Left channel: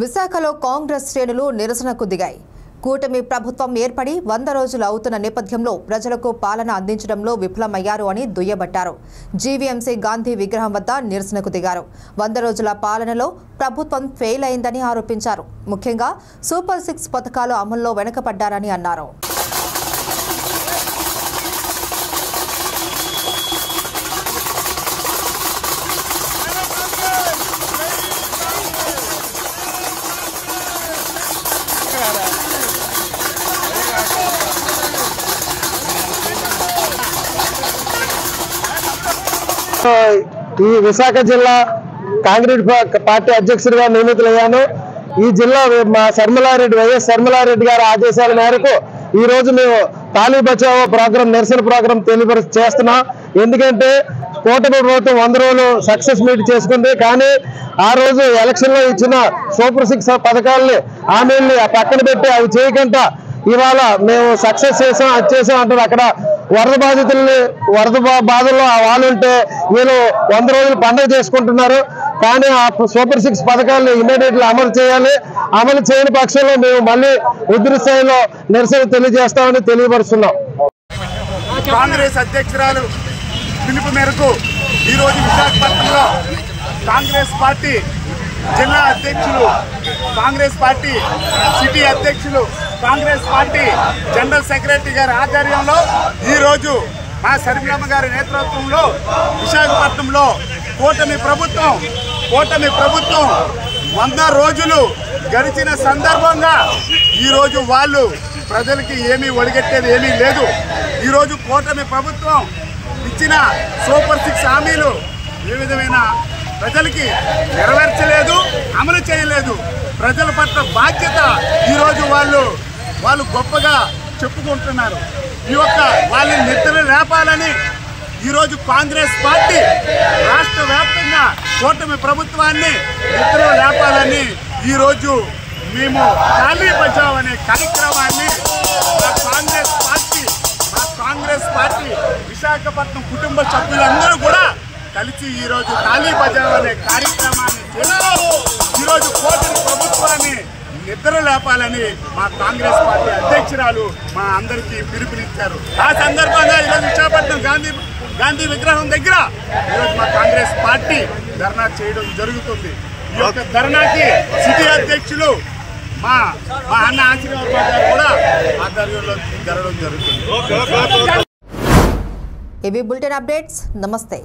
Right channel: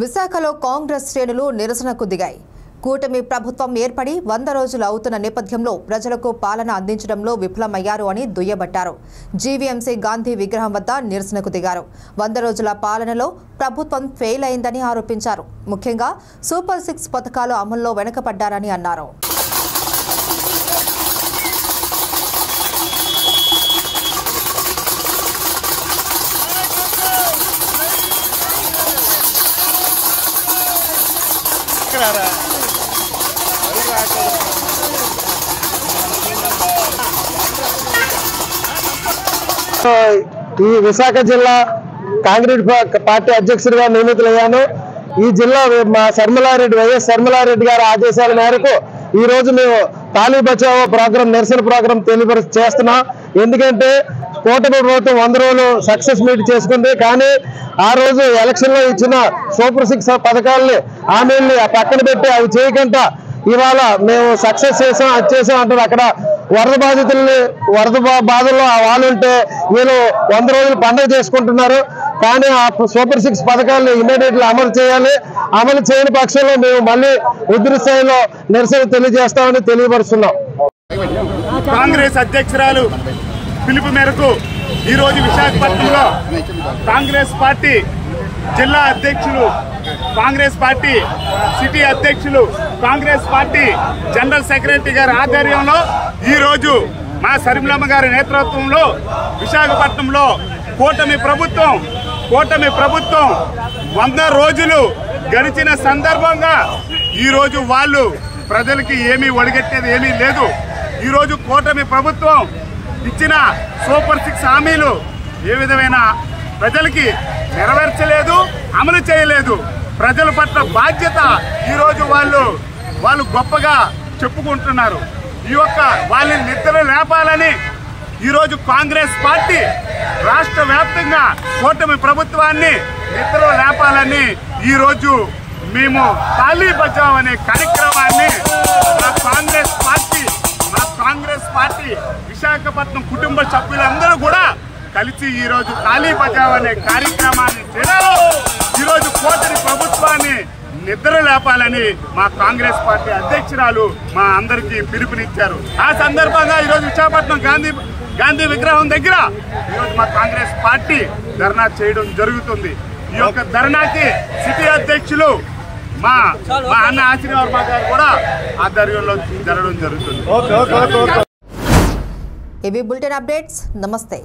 విశాఖలో కాంగ్రెస్ శ్రేణులు నిరసనకు దిగాయి. కూటమి ప్రభుత్వం ఏర్పడి 100 రోజులు అవుతున్న నేపథ్యంలో ప్రజలకు పాలన అందించడంలో విఫలమయ్యారు అని దుయ్యబట్టారు. జీవీఎంసీ గాంధీ విగ్రహం వద్ద నిరసనకు దిగారు. 100 రోజుల పాలనలో ప్రభుత్వం ఫెయిల్ అయిందని ఆరోపించారు. ముఖ్యంగా సూపర్ 6 పథకాలు అమల్లో వెనుకపడ్డారని అన్నారు. ఈ విశాఖ జిల్లా కాంగ్రెస్ పార్టీ అధ్యక్షుడిగా నియమితులయ్యాను. ఈ జిల్లా మా వైఎస్ శర్మిలారెడ్డి గారి ఆదేశాల మేరకు ఈ రోజు మేము తాళీ బచావో ప్రోగ్రాం నిరసన ప్రోగ్రాం చేస్తున్నాం. ఎందుకంటే కూటమి ప్రభుత్వం 100 రోజులు సక్సెస్ మీట్ చేసుకుంది. కానీ ఆ రోజు ఎలక్షన్ లో ఇచ్చిన సూపర్ 6 పథకాలని హామీల్ని పక్కన పెట్టి అవి చేయకుండా ఇవాళ మేము సక్సెస్ చేసాం అది చేసాం అంటారు. అక్కడ వరద బాధల్లో వాళ్ళు ఉంటే వీళ్ళు 100 రోజులు పండుగ చేసుకుంటున్నారు. కానీ ఆ సూపర్ 6 పథకాలను ఇమీడియట్లీ అమలు చేయాలి. అమలు చేయని పక్షంలో మేము మళ్ళీ ఉధృత స్థాయిలో నిరసన తెలియజేస్తామని తెలియపరుస్తున్నాం. కాంగ్రెస్ అధ్యక్షురాలు పిలుపు మేరకు ఈరోజు విశాఖపట్నంలో కాంగ్రెస్ పార్టీ జిల్లా అధ్యక్షులు, కాంగ్రెస్ పార్టీ సిటీ అధ్యక్షులు, కాంగ్రెస్ పార్టీ జనరల్ సెక్రటరీ గారి ఆధ్వర్యంలో ఈరోజు మా శర్మిలమ్మ గారి నేతృత్వంలో విశాఖపట్నంలో కూటమి ప్రభుత్వం 100 రోజులు గడిచిన సందర్భంగా ఈరోజు వాళ్ళు ప్రజలకి ఏమీ ఒడిగట్టేది ఏమీ లేదు. ఈరోజు కూటమి ప్రభుత్వం ఇచ్చిన సూపర్ 6 హామీలు ఏ విధమైన ప్రజలకి నెరవేర్చలేదు, అమలు చేయలేదు. ప్రజల పట్ల బాధ్యత ఈరోజు వాళ్ళు గొప్పగా చెప్పుకుంటున్నారు. ఈ యొక్క వాళ్ళని నిద్ర లేపాలని ఈరోజు కాంగ్రెస్ పార్టీ రాష్ట్ర వ్యాప్తంగా కూటమి ప్రభుత్వాన్ని నిద్ర లేపాలని ఈరోజు మేము తాళీ బచావ్ అనే కార్యక్రమాన్ని మా కాంగ్రెస్ పార్టీ విశాఖపట్నం కుటుంబ సభ్యులందరూ కూడా కలిసి ఈరోజు తాళీ బచావ్ అనే కార్యక్రమాన్ని చేస్తూ ఈరోజు కూటమి ప్రభుత్వాన్ని నిద్ర లేపాలని మా కాంగ్రెస్ పార్టీ అధ్యక్షురాలు మా అందరికీ పిలుపునిచ్చారు. ఆ సందర్భంగా ఈరోజు విశాఖపట్నం గాంధీ విగ్రహం దగ్గర ఈరోజు మా కాంగ్రెస్ పార్టీ ధర్నా చేయడం జరుగుతుంది. ఈ యొక్క ధర్నాకి సిటీ అధ్యక్షులు మా అన్న ఆశీర్వాద గారు కూడా ఆధ్వర్యంలో జరగడం జరుగుతుంది. ఇవి బులెటిన్ అప్డేట్స్. నమస్తే.